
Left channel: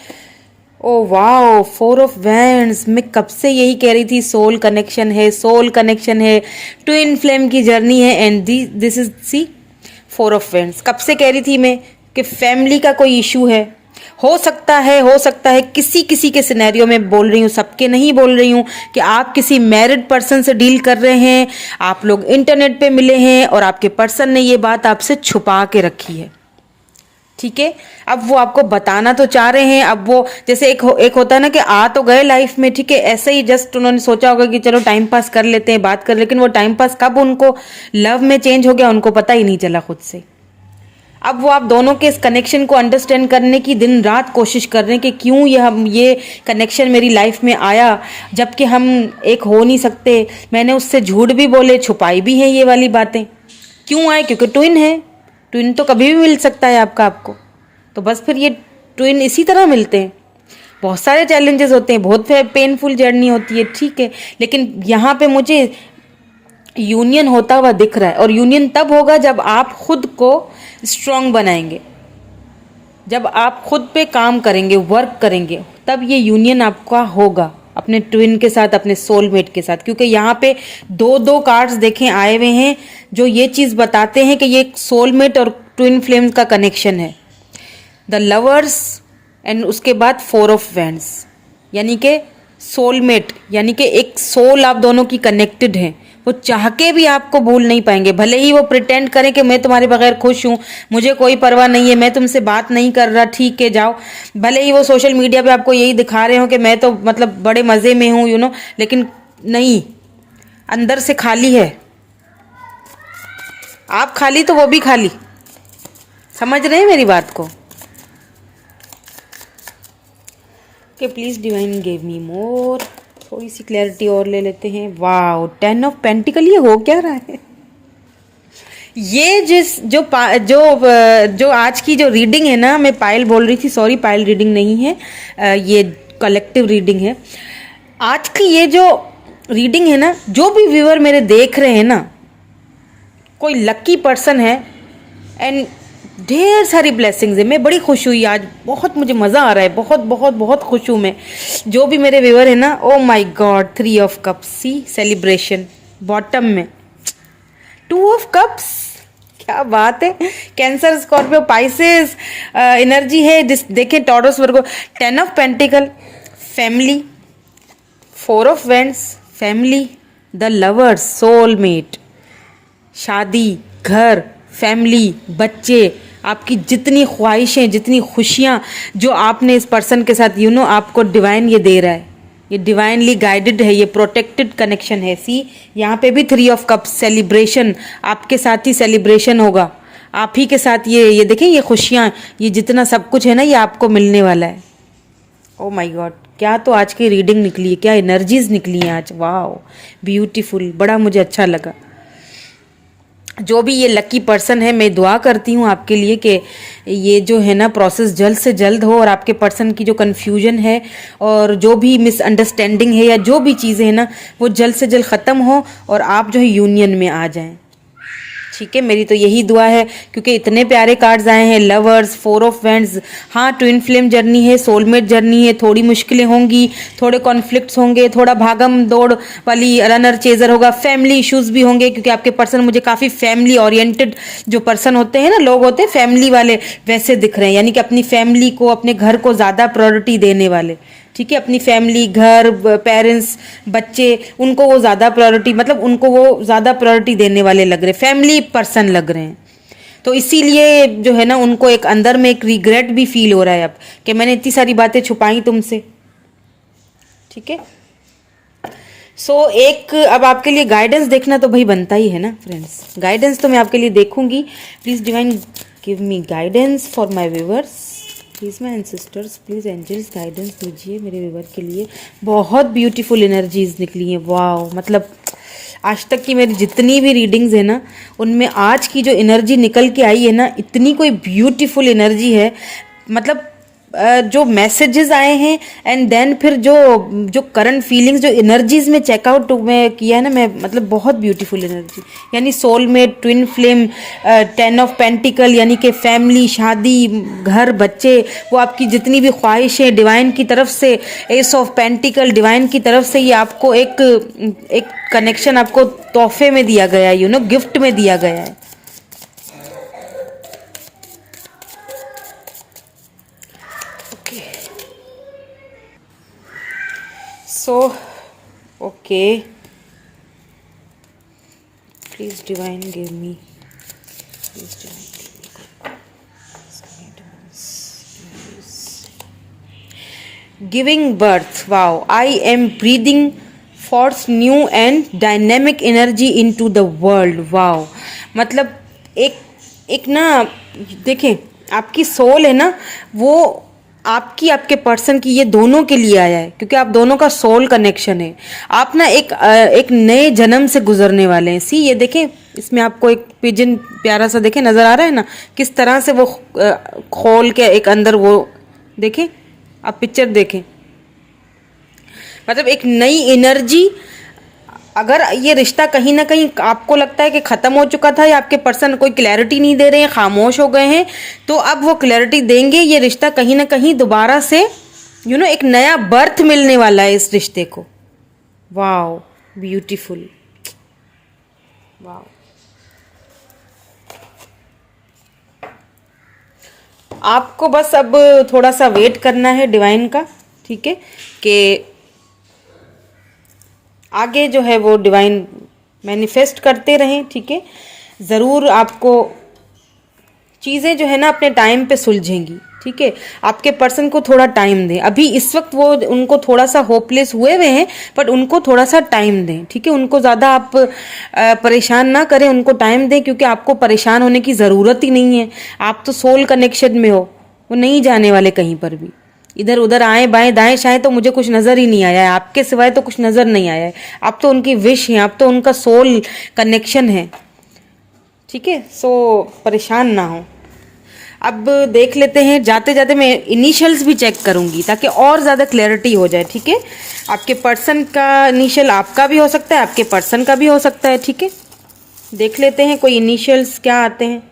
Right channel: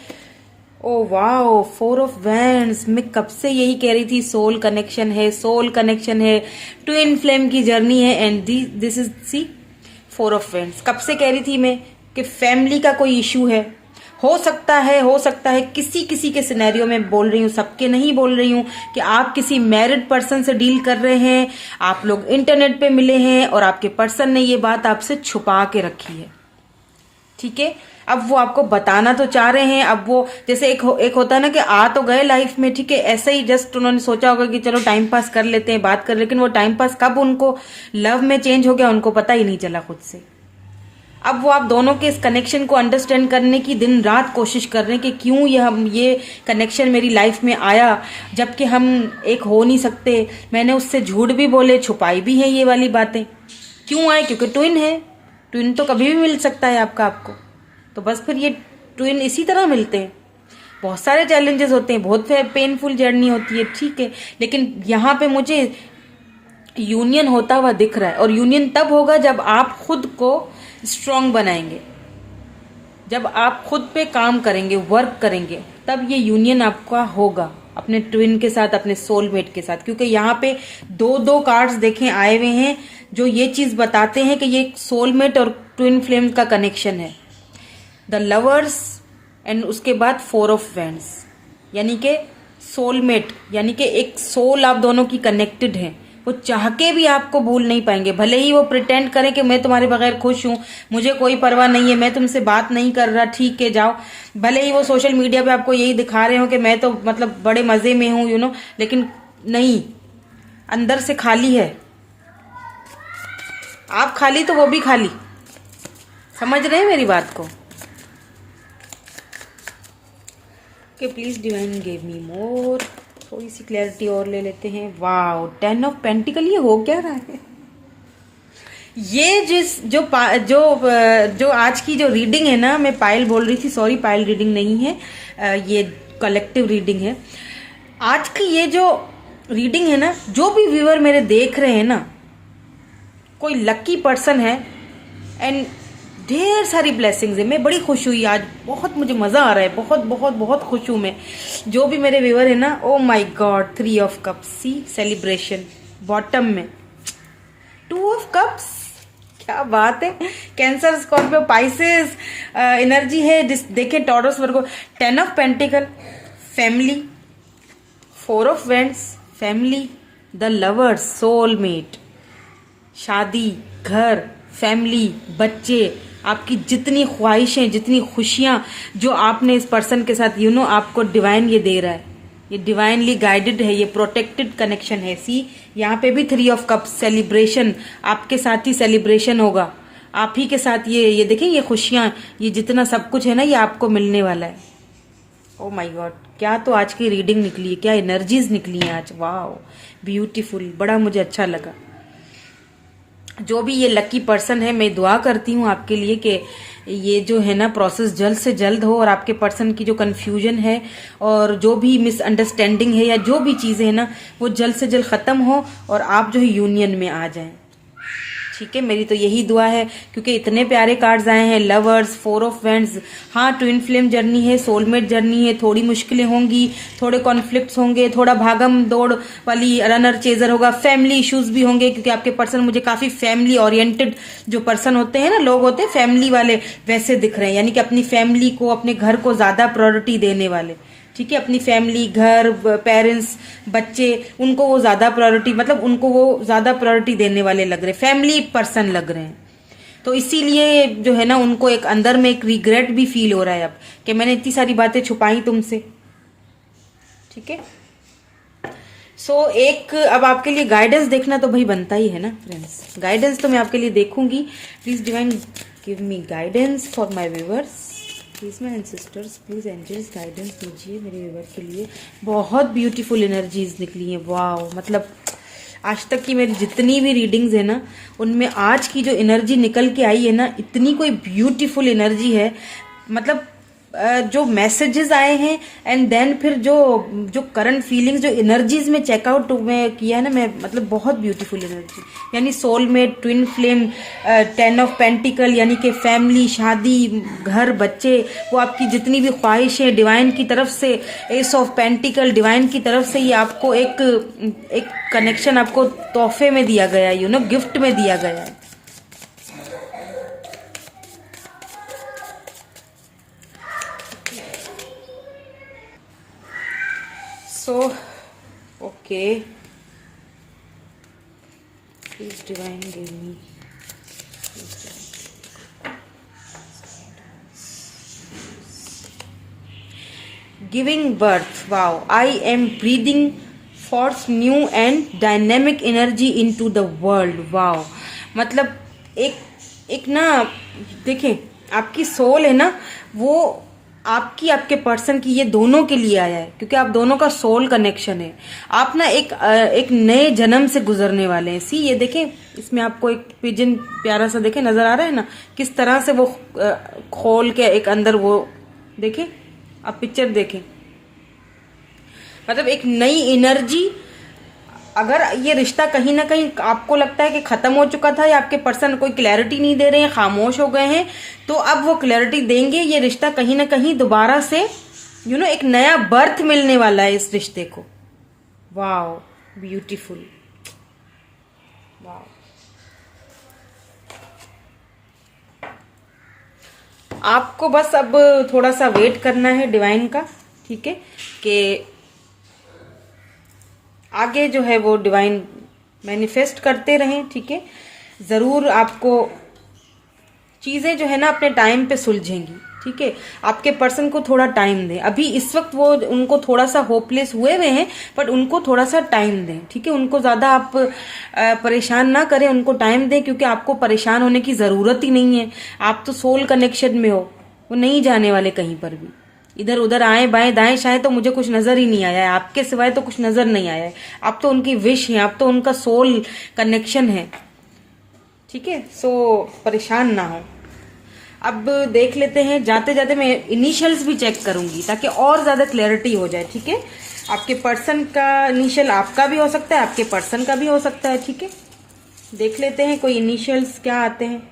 Oh wow, 4 of wands. मैं कब से यही कह रही थी, सोल कनेक्शन है, ट्विन फ्लेम की जर्नी है, and this is see 4 of wands. कब से कह रही थी मैं कि फैमिली का कोई इशू है। हो सकता है किसी के सिनेरियो में बोल रही हूँ, सबके नहीं बोल रही हूँ, कि आप किसी मैरिड पर्सन से डील कर रहे हैं, आप लोग इंटरनेट पे मिले हैं और आपके पर्सन ने ये बात आपसे छुपा के रखी है। ठीक है, अब वो आपको बताना तो चाह रहे हैं। अब वो जैसे एक होता है ना कि आ तो गए लाइफ में, ठीक है, ऐसे ही जस्ट उन्होंने सोचा होगा कि चलो टाइम पास कर लेते हैं, बात कर, लेकिन वो टाइम पास कब उनको लव में चेंज हो गया उनको पता ही नहीं चला खुद से। अब वो आप दोनों के इस कनेक्शन को अंडरस्टैंड करने की दिन रात कोशिश कर रहे हैं कि क्यों ये कनेक्शन मेरी लाइफ में आया, जबकि हम एक हो नहीं सकते। मैंने उससे झूठ भी बोले, छुपाई भी है ये वाली बातें। क्यों आए? क्योंकि ट्विन है। ट्विन तो कभी भी मिल सकता है आपको, तो बस फिर ये ट्विन इसी तरह मिलते हैं। बहुत सारे चैलेंजेस होते हैं, बहुत पेनफुल जर्नी होती है, ठीक है, लेकिन यहाँ पे मुझे यूनियन होता हुआ दिख रहा है। और यूनियन तब होगा जब आप खुद को स्ट्रांग बनाएंगे, जब आप खुद पे काम करेंगे, वर्क करेंगे, तब ये यूनियन आपका होगा अपने ट्विन के साथ, अपने सोलमेट के साथ। क्योंकि यहाँ पे 2 कार्ड्स देखें आए हुए हैं जो ये चीज बताते हैं कि ये सोलमेट और ट्विन फ्लेम का कनेक्शन है। द लवर्स एंड उसके बाद 4 ऑफ वैंड्स, यानी कि सोलमेट, यानी कि एक सोल आप दोनों की कनेक्टेड हैं। वो चाह के भी आपको भूल नहीं पाएंगे, भले ही वो प्रिटेंड करें कि मैं तुम्हारे बगैर खुश हूं, मुझे कोई परवाह नहीं है, मैं तुमसे बात नहीं कर रहा, ठीक है जाओ। भले ही वो सोशल मीडिया पे आपको यही दिखा रहे हो कि मैं तो मतलब बड़े मजे में हूं, लेकिन नहीं, अंदर से खाली है। आप खाली तो वो भी खाली। समझ रहे हैं मेरी बात को? कि प्लीज डिवाइन गिव मी मोर, थोड़ी सी क्लैरिटी और ले लेते हैं। वाओ, 10 ऑफ पेंटिकल, ये हो क्या रहा है? ये जो आज की जो रीडिंग है ना, मैं पायल बोल रही थी, सॉरी पायल रीडिंग नहीं है, ये कलेक्टिव रीडिंग है। आज की ये जो रीडिंग है ना, जो भी व्यूअर मेरे देख रहे हैं ना, कोई लकी पर्सन है एंड ढेर सारी ब्लेसिंग्स है। मैं बड़ी खुश हुई आज, बहुत मुझे मज़ा आ रहा है, बहुत बहुत बहुत खुश हूँ मैं। जो भी मेरे व्यूअर है ना, oh my God, 3 of cups, see celebration bottom में, 2 ऑफ कप्स, क्या बात है। कैंसर, स्कॉर्पियो, पाइसेस एनर्जी है। देखें taurus, Virgo, 10 of pentacle, family, 4 of wands, family, the lovers, soulmate, शादी, घर, फैमिली, बच्चे, आपकी जितनी ख्वाहिशें, जितनी खुशियाँ जो आपने इस पर्सन के साथ आपको डिवाइन ये दे रहा है, ये डिवाइनली गाइडेड है, ये प्रोटेक्टेड कनेक्शन है। सी यहाँ पे भी 3 ऑफ कप्स, सेलिब्रेशन, आपके साथ ही सेलिब्रेशन होगा, आप ही के साथ ये देखें, ये खुशियाँ, ये जितना सब कुछ है ना, ये आपको मिलने वाला है। ओ माय गॉड, क्या तो आज की रीडिंग निकली है, क्या एनर्जीज निकली हैं आज। वाह, ब्यूटीफुल, बड़ा मुझे अच्छा लगा। जो भी ये लकी पर्सन है, मैं दुआ करती हूँ आपके लिए कि ये जो है ना प्रोसेस जल्द से जल्द हो, और आपके पर्सन की जो कन्फ्यूजन है और जो भी मिसअंडरस्टैंडिंग है या जो भी चीज़ें हैं ना, वो जल्द से जल्द ख़त्म हो और आप जो है यूनियन में आ जाएं। ठीक है, मेरी तो यही दुआ है, क्योंकि इतने प्यारे कार्ड्स आए हैं, लवर्स, 4 ऑफ वैंड्स। हाँ, ट्विन फ्लेम जर्नी है, सोलमेट जर्नी है, थोड़ी मुश्किलें होंगी, थोड़े कॉन्फ्लिक्ट्स होंगे, थोड़ा भागम दौड़ वाली रनर चेजर होगा, फैमिली इश्यूज भी होंगे, क्योंकि आपके पर्सन मुझे काफ़ी फैमिली ओरिएंटेड जो पर्सन होते हैं ना, लोग होते हैं फैमिली वाले, वैसे दिख रहे हैं, यानी कि अपनी फैमिली को, अपने घर को ज़्यादा प्रायोरिटी देने वाले। ठीक है, अपनी फैमिली, घर, पेरेंट्स, बच्चे, उनको वो ज़्यादा प्रायोरिटी, मतलब उनको वो ज़्यादा प्रायोरिटी देने वाले लग रहे, फैमिली पर्सन लग रहे हैं। तो इसीलिए जो है ना, उनको एक अंदर में एक रिग्रेट भी फील हो रहा है अब, कि मैंने इतनी सारी बातें छुपाई तुमसे। ठीक है, सो एक अब आपके लिए गाइडेंस देखना तो भाई बनता ही है ना फ्रेंड्स। गाइडेंस तो मैं आपके लिए देखूंगी। Please divine give me guidance for my viewers, please my ancestors, please angels guidance दीजिए मेरे व्यूअर के लिए। बहुत ब्यूटीफुल एनर्जीज निकली हैं। वाह, मतलब आज तक की मेरी जितनी भी रीडिंग्स है ना, उनमें आज की जो एनर्जी निकल के आई है ना, इतनी कोई ब्यूटीफुल एनर्जी है। मतलब जो मैसेजेस आए हैं एंड देन फिर जो जो करंट फीलिंग्स, जो एनर्जीज में चेकआउट में किया है ना मैं, मतलब बहुत ब्यूटीफुल एनर्जी, यानी soulmate, twin flame, 10 of pentacle, यानी कि फैमिली, शादी, घर, बच्चे, वो आपकी जितनी भी ख्वाहिशें डिवाइन की तरफ से, एस ऑफ पेंटिकल डिवाइन की तरफ से ये आपको एक कनेक्शन आपको तोहफे में दिया गया है, गिफ्ट में दिया गया है। So, okay, please divine give me, please divine give me. Giving birth, wow, I am breathing forth new and dynamic energy into the world, wow, मतलब एक ना, देखें आपकी सोल है ना, वो आपके पर्सन की, ये दोनों के लिए आया है, क्योंकि आप दोनों का सोल कनेक्शन है। आप ना एक नए जन्म से गुजरने वाले हैं। सी, ये देखें, इसमें आपको एक पिजन प्यारा सा देखें नजर आ रहा है ना, किस तरह से वो खोल के एक अंदर वो देखें, आप पिक्चर देखें, मतलब एक नई एनर्जी। अगर ये रिश्ता कहीं ना कहीं आपको लगता है कि खत्म हो चुका था, या आपके पर्सन कोई क्लैरिटी नहीं दे रहे हैं, खामोश हो गए हैं, तो अब वो क्लैरिटी देंगे। ये रिश्ता कहीं ना कहीं दोबारा से एक नया बर्थ मिलने वाला है इस रिश्ते को। Wow, beautiful, wow. आपको बस अब थोड़ा सा वेट करना है डिवाइन का, ठीक है, कि आगे जो है वो डिवाइन मैनिफेस्ट करते रहें, ठीक है। ज़रूर आपको चीज़ें जो है ना अपने टाइम पे सुलझेंगी, ठीक है। आपके पर्सन को थोड़ा टाइम दें। अभी इस वक्त वो उनको थोड़ा सा होपलेस हुए हुए हैं, बट उनको थोड़ा सा टाइम दें, ठीक है। उनको ज़्यादा आप परेशान ना करें, उनको टाइम दें, क्योंकि आपको परेशान होने की ज़रूरत ही नहीं है। आप तो सोल कनेक्शन में हो, वो नहीं जाने वाले कहीं पर भी। इधर उधर आए बाएं दाएं शाएं तो मुझे कुछ नज़र ही नहीं आया है, आपके सिवाय तो कुछ नज़र नहीं आया है। आप तो उनकी विश हैं, आप तो उनका सोल कनेक्शन है, ठीक है। सो परेशान ना हो। अब देख लेते हैं, जाते जाते मैं इनिशियल्स भी चेक करूंगी ताकि और ज़्यादा क्लैरिटी हो जाए, ठीक है। आपके पर्सन का इनिशियल आपका भी हो सकता है, आपके पर्सन का भी हो सकता है, ठीक है। देख लेते हैं कोई इनिशियल्स क्या आते हैं।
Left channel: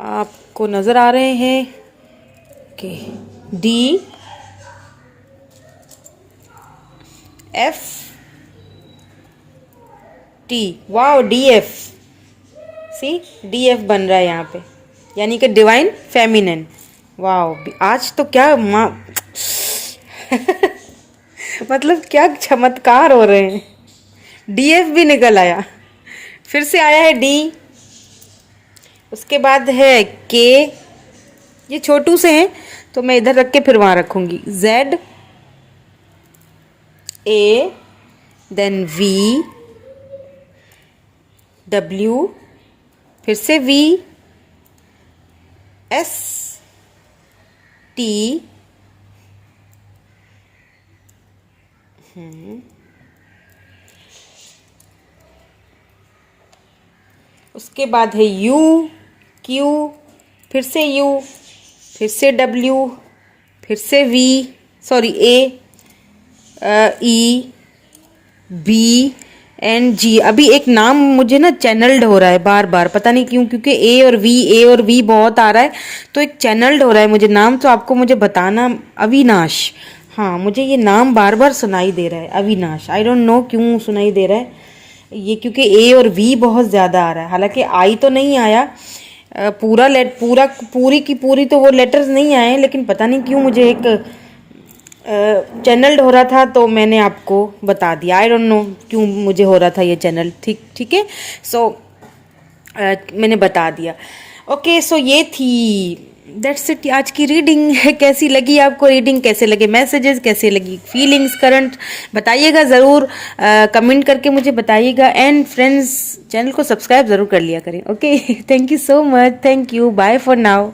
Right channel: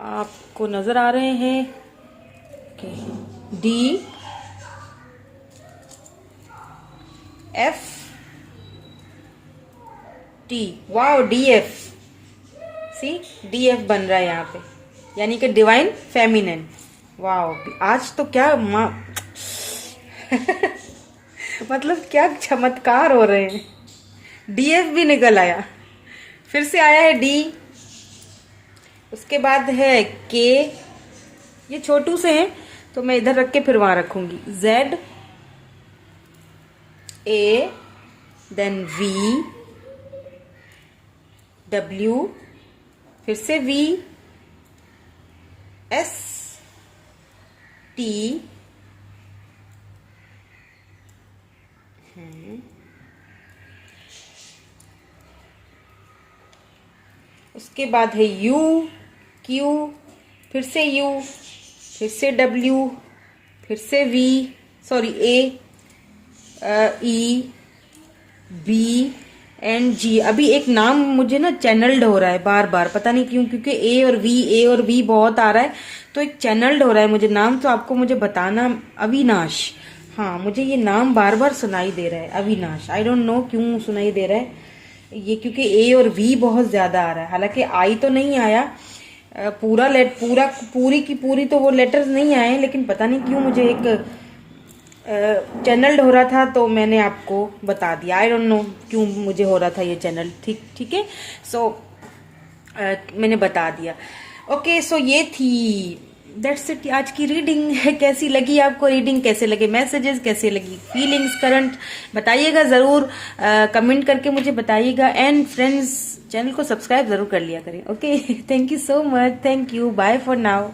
आपको नजर आ रहे हैं कि D F T, wow, D F, C D F बन रहा है यहाँ पे, यानी कि डिवाइन फेमिनिन। वाओ, आज तो क्या मतलब क्या चमत्कार हो रहे हैं। डी एफ भी निकल आया, फिर से आया है डी, उसके बाद है के, ये छोटू से हैं तो मैं इधर रख के फिर वहां रखूंगी, Z, A, then V, W, फिर से वी, एस, टी, उसके बाद है यू, क्यू, फिर से यू, फिर से डब्ल्यू, फिर से V, sorry A, E, B and G. अभी एक नाम मुझे ना चैनल्ड हो रहा है बार बार, पता नहीं क्यों, क्योंकि ए और वी बहुत आ रहा है, तो एक चैनल्ड हो रहा है मुझे नाम, तो आपको मुझे बताना। अविनाश, हाँ, मुझे ये नाम बार बार सुनाई दे रहा है, अविनाश। आई डोंट नो क्यों सुनाई दे रहा है ये, क्योंकि ए और वी बहुत ज़्यादा आ रहा है। हालांकि आई तो नहीं आया, पूरी की पूरी तो वो लेटर्स नहीं आए, लेकिन पता नहीं क्यों मुझे एक चैनल्ड हो रहा था, तो मैंने आपको बता दिया। आई डोंट नो क्यों मुझे हो रहा था ये चैनल, ठीक है। सो मैंने बता दिया। ओके, सो ये थी, दैट्स इट, आज की रीडिंग। कैसी लगी आपको रीडिंग, कैसे लगे मैसेजेस, कैसे लगी फीलिंग्स करंट, बताइएगा ज़रूर, कमेंट करके मुझे बताइएगा। एंड फ्रेंड्स, चैनल को सब्सक्राइब ज़रूर कर लिया करें। Okay, thank you so much, thank you, bye for now.